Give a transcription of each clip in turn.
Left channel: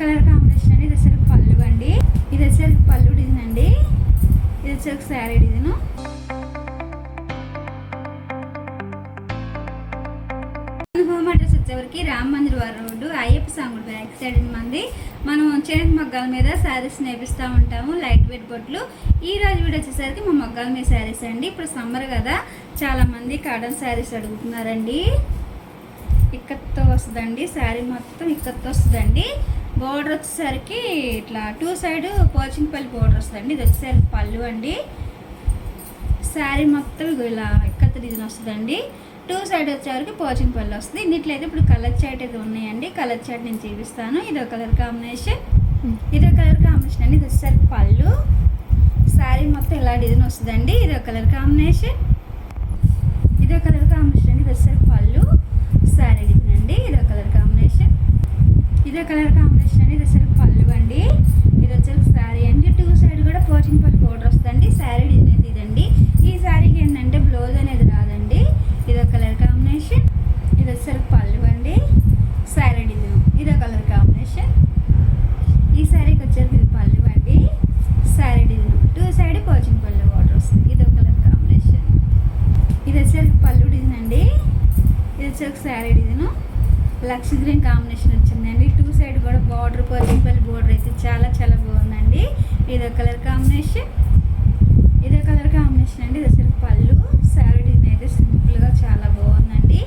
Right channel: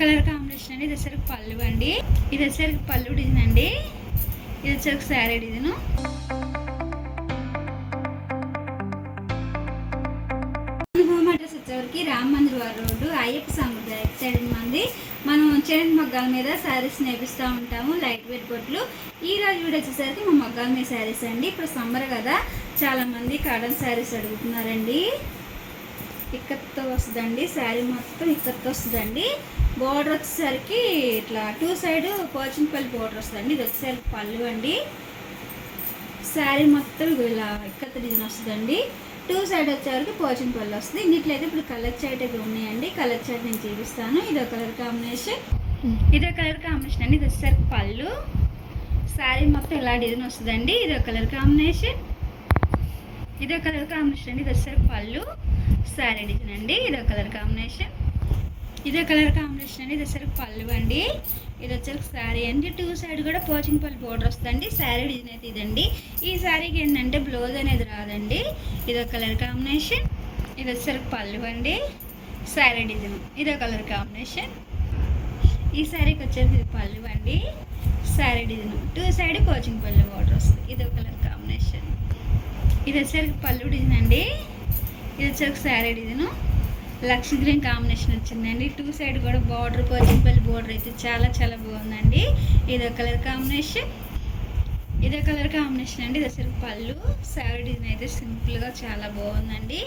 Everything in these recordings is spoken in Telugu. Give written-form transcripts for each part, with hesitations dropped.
కలర్ కాంబినేషన్ అండి. ఇది వచ్చేసరికి పళ్ళు అండి. ఇది వచ్చేసరికి పళ్ళు డిజైన్ అండి. ఇది వచ్చేసరికి శారీ డిజైన్. అడ్రస్ వచ్చేవరికి రామ్ మందిర్ వారి రోడ్డు, అయ్యప్ప స్వామి బ్యాక్ సైడ్ మంది. మనం చేతి మగ్గాల మీద శారీస్ నేపిస్తూ ఉంటాము, లైట్ వెయిట్ బొట్లు. ఈ రోజు వీడియో వచ్చేసరికి మా మగ్గాల మీద శారీస్ అండి. ఇప్పుడు సమ్మర్ కదా, చాలా మంది కాటన్ శారీస్ అడుగుతున్నారండి. ఇక్కత్తో వస్తుందండి, శారీ మొత్తం ఇక్కత్తో వస్తుందండి. బోర్డర్ వచ్చేసరికి ఇట్లా 2 సైడ్ పోచంపల్లి బోర్డర్ వస్తుందండి. ఇది వచ్చేసరికి పళ్ళు అండి. శారీ మొత్తం ఇలా ఇక్కత్త డిజైన్ వస్తుందండి. 2 సైడ్ వచ్చేవరకు పోచంపల్లి వస్తుంది. ఇన్నిట్లో అయితే ఇప్పుడు కలర్ చాట్ అయితే ఉన్నాయండి. కలర్ చాట్ నేను చూపిస్తాను. ఇదో కలర్ కాంబినేషన్, ఇదో కలర్ కాంబినేషన్ అండి. ఇది వచ్చేసరికి పళ్ళు, శారీ మొత్తం ఇలా డిజైన్ వస్తుందండి. ఇదో కలర్ కాంబినేషన్, ఇదో కలర్ కాంబినేషన్ అండి. ఇది వచ్చేసరికి పళ్ళు, శారీ డిజైన్ అండి. ఇదో కలర్ కాంబినేషన్, ఇదో కలర్ కాంబినేషన్ అండి. ఇది వచ్చేసరికి పళ్ళు అండి. ఇది వచ్చేసరికి శారీ అండి. 2 సైడ్ కూడా పోచంపల్లి బోర్డర్ వస్తుందండి. శారీ డిజైన్ అయితే ఇదండి. ఈ శారీకి ఏంటంటే బ్లౌజ్ అనేది రాదండి. ఇదో కలర్ కాంబినేషన్, ఇది వచ్చేసరికి పళ్ళు అండి, శారీ డిజైన్. ఇదో కలర్ కాంబినేషన్. ఈ శారీకి వచ్చేసరికి ఇది పళ్ళు అండి, sari design. 2 side Pochampally border వస్తుంది. ఇదో కలర్ కాంబినేషన్. ఇది వచ్చేసరికి పళ్ళు డిజైన్ అండి. ఇది వచ్చేసరికి శారీ డిజైన్. లక్స్ గ్రీన్ కాంబినేషన్ వచ్చిందండి. 2 సైడ్ కూడా బార్డర్, పోచంపల్లి బోర్డర్ అయితే చాలా చాలా బాగుందండి. ఇదో కలర్ కాంబినేషన్, ఇదే కలర్ కాంబినేషన్ అండి. ఇది అసలు పళ్ళు, శారీ డిజైన్ అయితే సింపుల్గా చాలా బాగుందండి.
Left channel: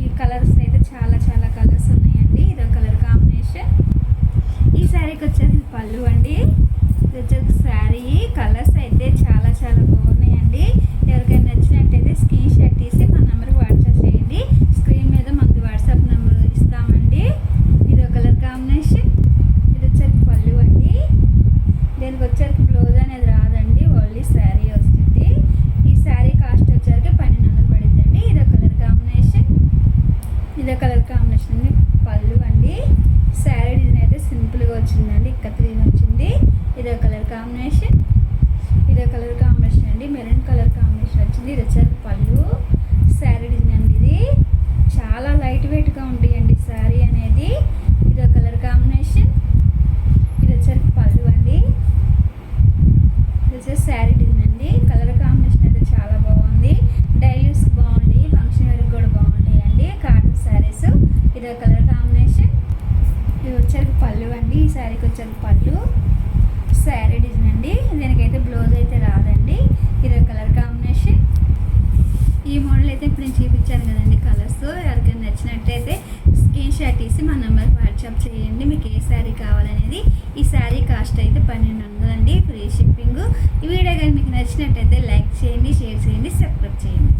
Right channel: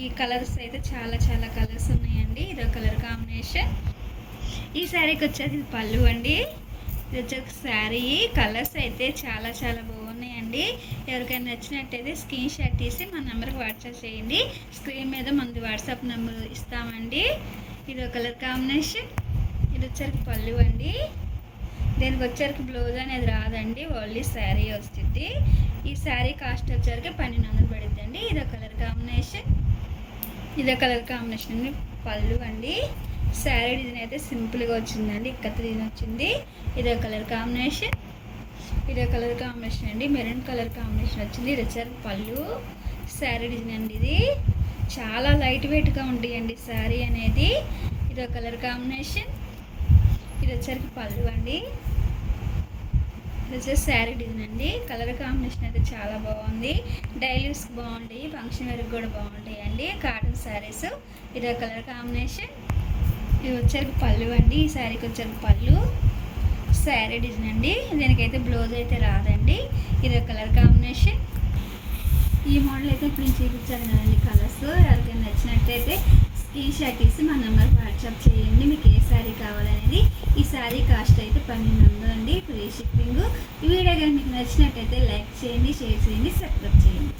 ఈ కలర్స్ అయితే చాలా చాలా కలర్స్ ఉన్నాయండి. ఇదో కలర్ కాంబినేషన్. ఈ శారీకి వచ్చేసి ఇది పళ్ళు అండి. ఇది వచ్చేసి శారీ. కలర్స్ అయితే చాలా చాలా బాగున్నాయండి. ఎవరికైనా నచ్చినట్టయితే స్క్రీన్ షాట్ తీసి మా నెంబర్కి వాట్సాప్ చేయండి. స్క్రీన్ మీద మనది వాట్సాప్ నెంబర్ ఇస్తామండి. ఇదో కలర్ కాంబినేషన్. ఇది వచ్చేసరికి పళ్ళు అండి. దీనికి వచ్చేసరికి బ్లౌజ్ అనేది రాదండి, ఓన్లీ శారీ వస్తుంది. ఈ శారీ కాస్ట్ వచ్చేసరికి 1200 పడుతుందండి. ఇదో కలర్ కాంబినేషన్, ఇదో కలర్ కాంబినేషన్ అండి. పళ్ళు అండి. శారీ డిజైన్ అయితే సింపుల్గా వచ్చిందండి, ఇక్కత్త డిజైన్ వచ్చింది. ఇదో కలర్ కాంబినేషన్, ఇదో కలర్ కాంబినేషన్ అండి. మెరూన్ కలర్ కాంబినేషన్ వచ్చింది. ఇది వచ్చేసరికి పళ్ళు, శారీ డిజైన్ అండి. ఇది చాలా లైట్ వెయిట్గా ఉంటాయండి శారీ అనేది. ఇదో కలర్ కాంబినేషన్. ఇది వచ్చేసరికి పళ్ళు అండి. ఇది వచ్చేసి శారీ డిజైన్ అండి. కలర్ కాంబినేషన్ అయితే చాలా బాగుంది. డైలీ యూస్కి బాగుంటాయి, ఫంక్షన్ వేర్కి కూడా బాగుంటాయి అండి కాటన్ శారీస్. ఇదో కలర్ కాంబినేషన్. ఇది వచ్చేసరికి పళ్ళు అండి. ఈ శారీకి వచ్చేసరికి పళ్ళు, శారీ డిజైన్ అండి. దీనికైతే బ్లౌజ్ అయితే రాదండి. ఇదో కలర్ కాంబినేషన్. ఈ మోడల్ అయితే ఇప్పుడు నేను చూపించాను కదండి కలర్స్. ఎవరికైనా నచ్చినట్టయితే స్క్రీన్ షాట్ తీసి మా నెంబర్కి వాట్సాప్ చేయండి, మీకు ఏ శారీ కావాలనేది. ఈ శారీ కాస్ట్ అయితే 1200 అండి, ఫ్రీ షిప్పింగ్. ఈ వీడియో కానీ మీకు నచ్చినట్టయితే లైక్ చేయండి, షేర్ చేయండి, సబ్స్క్రైబ్ చేయండి.